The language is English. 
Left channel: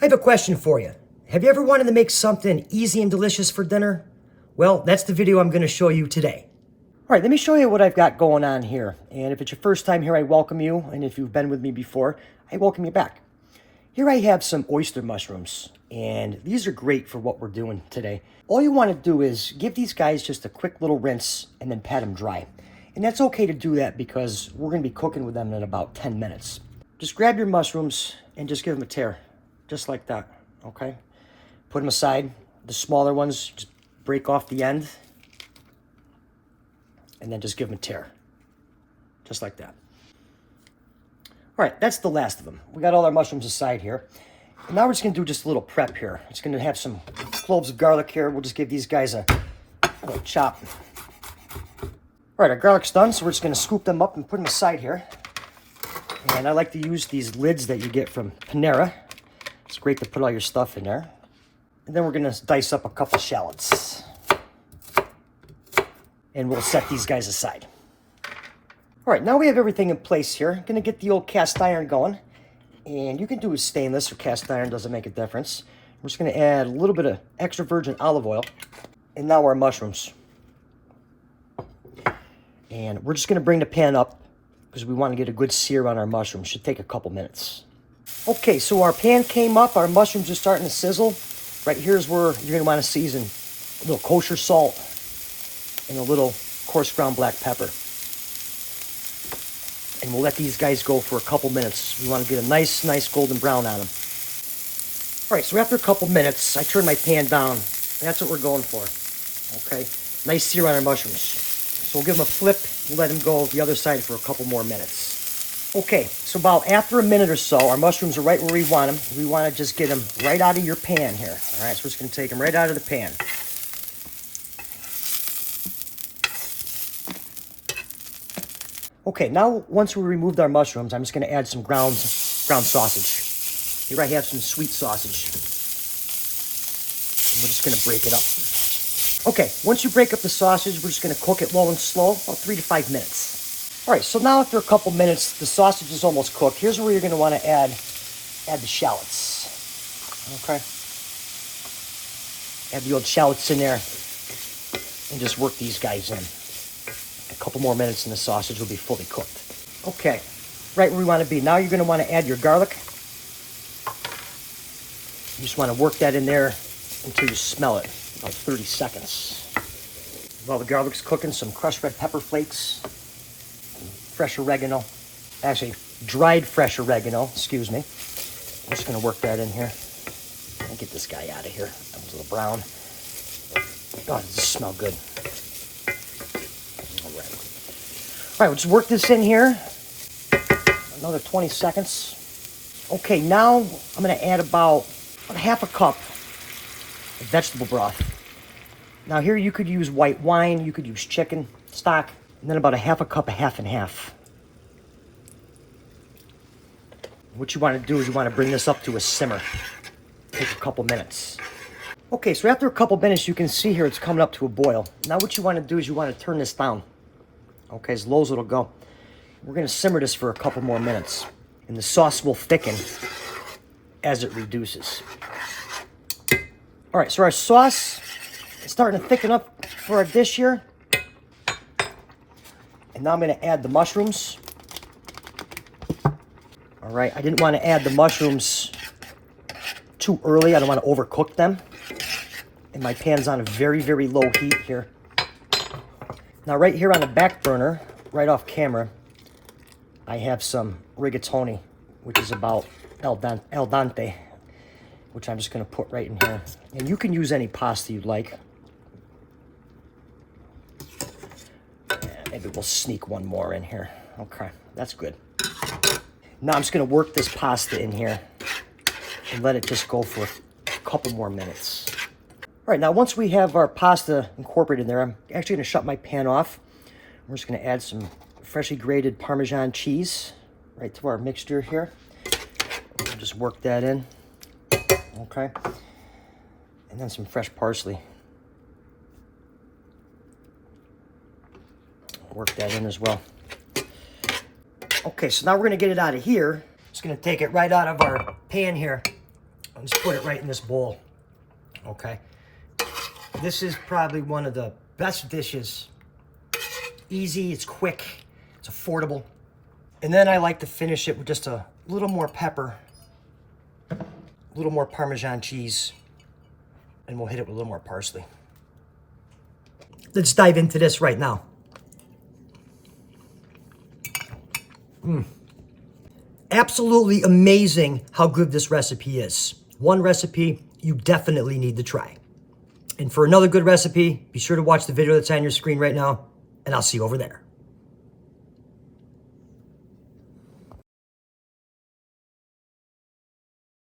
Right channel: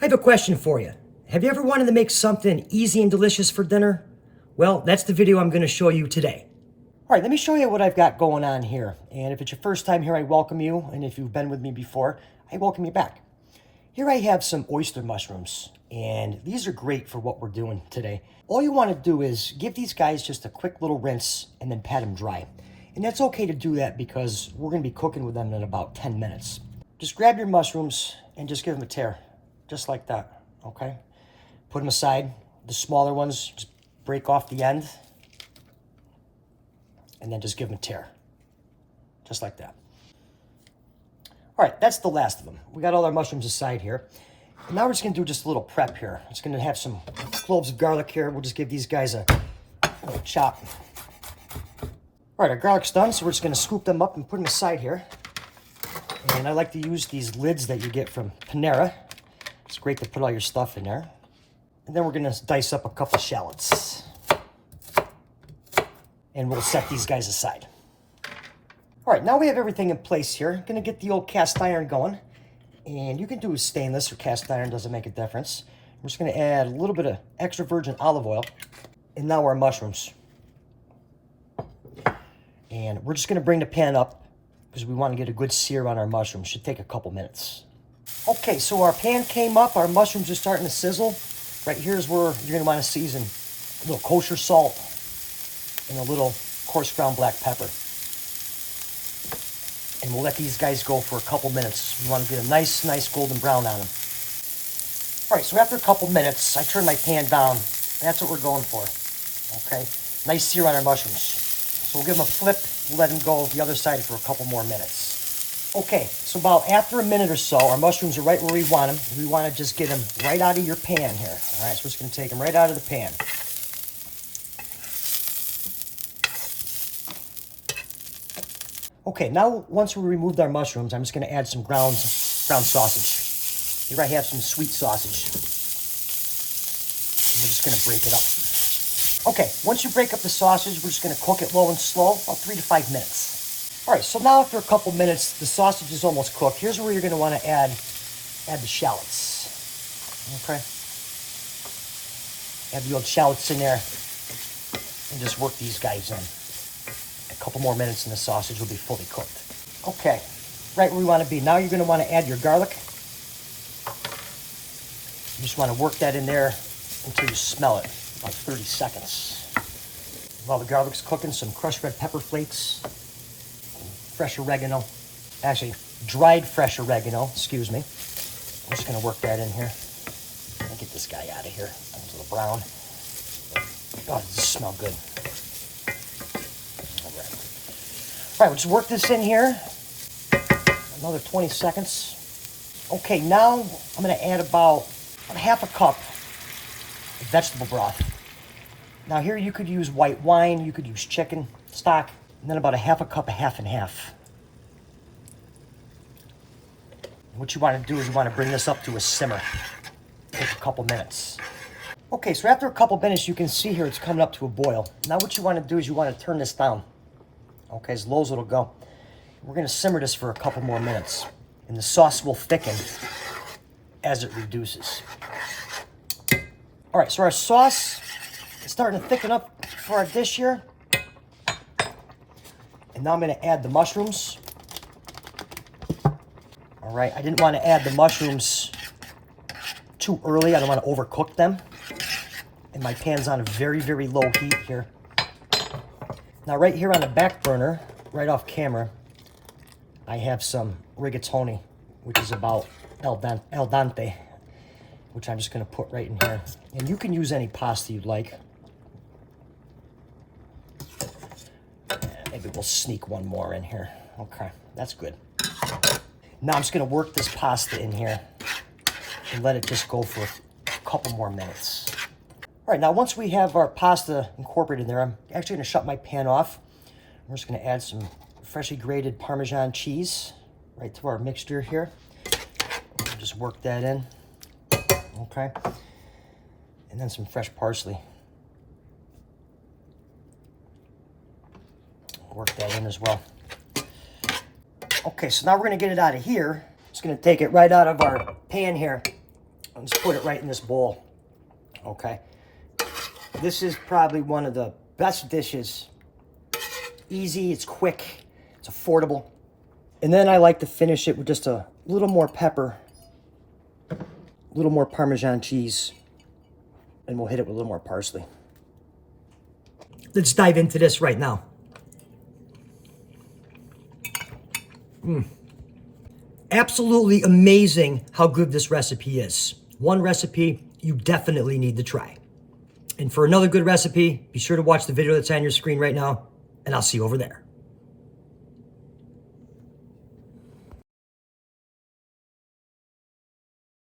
I have a question for you. Have you ever wanted to make something easy and delicious for dinner? Well, that's the video I'm going to show you today. All right, let me show you what I've got going on here. And if it's your first time here, I welcome you. And if you've been with me before, I welcome you back. Here I have some oyster mushrooms, and these are great for what we're doing today. All you want to do is give these guys just a quick little rinse and then pat them dry. And that's okay to do that because we're going to be cooking with them in about 10 minutes. Just grab your mushrooms and just give them a tear. Just like that, okay? Put them aside. The smaller ones, just break off the end. And then just give them a tear. Just like that. All right, that's the last of them. We got all our mushrooms aside here. And now we're just gonna do just a little prep here. It's gonna have some cloves of garlic here. We'll just give these guys a little chop. All right, our garlic's done, so we're just gonna scoop them up and put them aside here. And I like to use these lids that you get from Panera. It's great to put all your stuff in there. And then we're gonna dice up a couple shallots. And we'll set these guys aside. All right, now we have everything in place here. I'm gonna get the old cast iron going. And you can do a stainless or cast iron, doesn't make a difference. We're just gonna add a little bit of extra virgin olive oil. And now our mushrooms. And we're just gonna bring the pan up because we wanna get a good sear on our mushrooms. Should take a couple minutes. Okay, so our pan came up, our mushrooms are starting to sizzle. Right here's where you're gonna wanna season a little kosher salt and a little coarse ground black pepper. And we'll let these guys go for a couple minutes. We wanna get a nice golden brown on them. All right, so after a couple minutes, I turn my pan down. That's what we're going for, okay? Nice sear on our mushrooms. So we'll give them a flip, we'll let them go the other side for a couple more minutes. Okay, so about after a minute or so, our mushrooms are right where we want them. We want to just get them right out of your pan here. All right, so we're just going to take them right out of the pan. Okay, now once we removed our mushrooms, I'm just going to add some ground sausage. Here I have some sweet sausage. And we're just going to break it up. Okay, once you break up the sausage, we're just going to cook it low and slow, about 3 to 5 minutes. All right, so now after a couple minutes, the sausage is almost cooked. Here's where you're going to want to add the shallots. Okay. Add the old shallots in there and just work these guys in. A couple more minutes and the sausage will be fully cooked. Okay, right where we want to be. Now you're going to want to add your garlic. You just want to work that in there until you smell it, about 30 seconds. While the garlic's cooking, some crushed red pepper flakes. Fresh oregano, actually dried fresh oregano, excuse me. I'm just gonna work that in here. I'll get this guy out of here. That was a little brown. Oh, does this smell good? All right, we'll just work this in here. Another 20 seconds. Okay, now I'm gonna add about half a cup of vegetable broth. Now here you could use white wine, you could use chicken stock, and then about a half a cup of half and half. What you want to do is you want to bring this up to a simmer. Take a couple minutes. Okay, so after a couple minutes, you can see here it's coming up to a boil. Now what you want to do is you want to turn this down. Okay, as low as it'll go. We're going to simmer this for a couple more minutes. And the sauce will thicken as it reduces. All right, so our sauce is starting to thicken up for our dish here. And now I'm going to add the mushrooms. All right, I didn't want to add the mushrooms too early. I don't want to overcook them. And my pan's on a very low heat here. Now right here on the back burner, right off camera, I have some rigatoni, which is about al dente, which I'm just going to put right in here. And you can use any pasta you'd like. Maybe we'll sneak one more in here. Okay, that's good. Now I'm just gonna work this pasta in here and let it just go for a couple more minutes. All right, now once we have our pasta incorporated in there, I'm actually gonna shut my pan off. We're just gonna add some freshly grated Parmesan cheese right to our mixture here. We'll just work that in, okay? And then some fresh parsley. Work that in as well. Okay, so now we're gonna get it out of here. Just gonna take it right out of our pan here. I'll just put it right in this bowl. Okay. This is probably one of the best dishes. Easy, it's quick, it's affordable. And then I like to finish it with just a little more pepper, a little more Parmesan cheese, and we'll hit it with a little more parsley. Let's dive into this right now. Absolutely amazing how good this recipe is. One recipe you definitely need to try. And for another good recipe, be sure to watch the video that's on your screen right now, and I'll see you over there.